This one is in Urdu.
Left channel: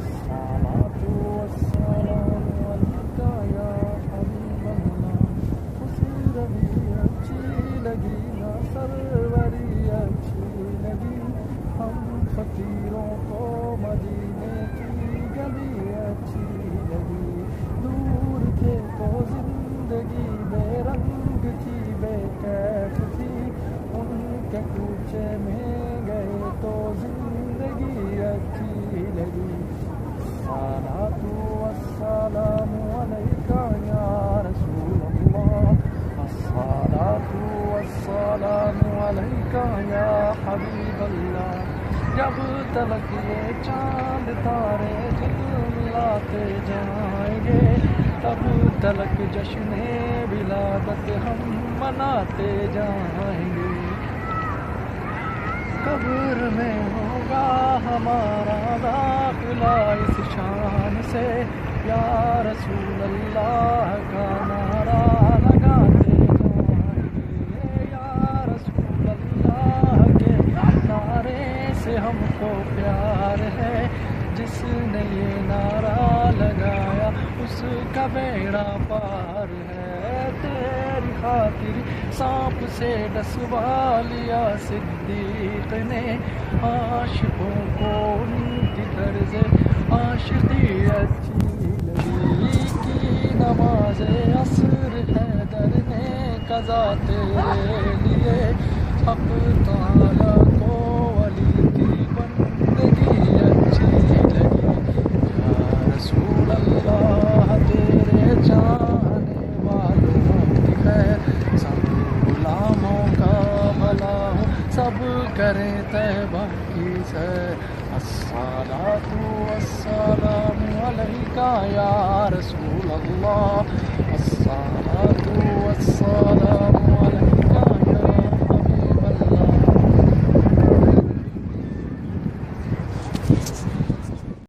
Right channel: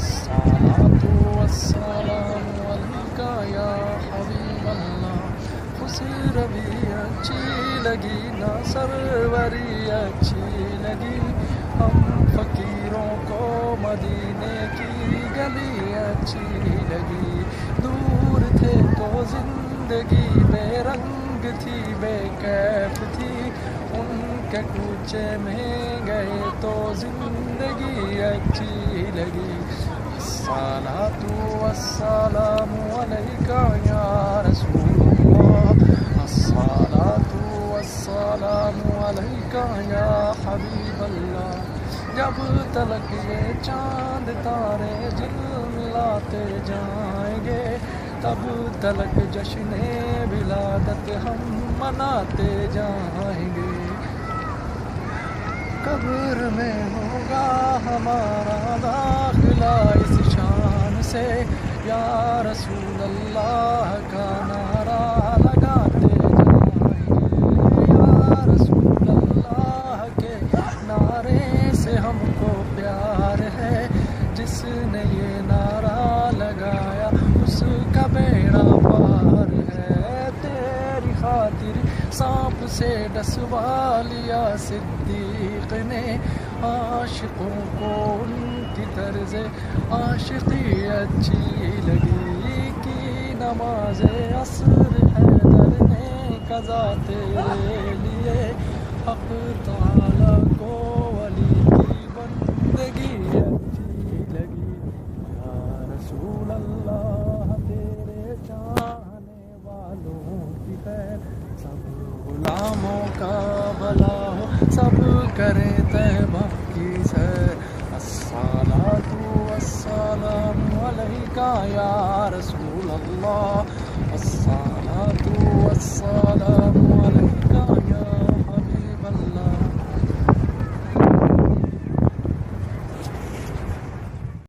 الصلاة والسلام علیکہ یا حبیب اللہ. خوشی روی اچھی لگی نہ سروری اچھی لگی. ہم فقیروں کو مدینے کی گلی اچھی لگی. دور تھے تو زندگی بے رنگ تھی بے کیف تھی. ان کے کوچے میں گئے تو زندگی اچھی لگی. الصلاة والسلام علیکہ یا رسول اللہ. الصلاة والسلام علیکہ یا حبیب اللہ. جب تلک یہ چاند تارے جھلملاتے جائیں گے تب تلک جشن ولادت ہم مناتے جائیں گے. قبر میں ہوگا ہمارا داخلہ اس شان سے یا رسول اللہ کا نعرہ لگاتے جائیں گے. یا رسول اللہ کے نعرے سے ہم کو پیار ہے. جس نے یہ نعرہ لگایا اس کا بیڑا پار ہے. تیری خاطر سانپ سے ڈسوا لیا صدیق نے. عاشقوں کو ان کی طرز عاشقی اچھی لگی. کی نماز عصر حیدر نے قضا تیرے لیے. حق تعالیٰ کو ولی کی بندگی اچھی لگی. یا رسول اللہ تیرے چاہنے والوں کی خیر سب غلاموں کا بھلا ہو. سب کریں طیبہ کی سیر. الصلاة والسلام علیکہ یا رسول اللہ. الصلاة والسلام علیکہ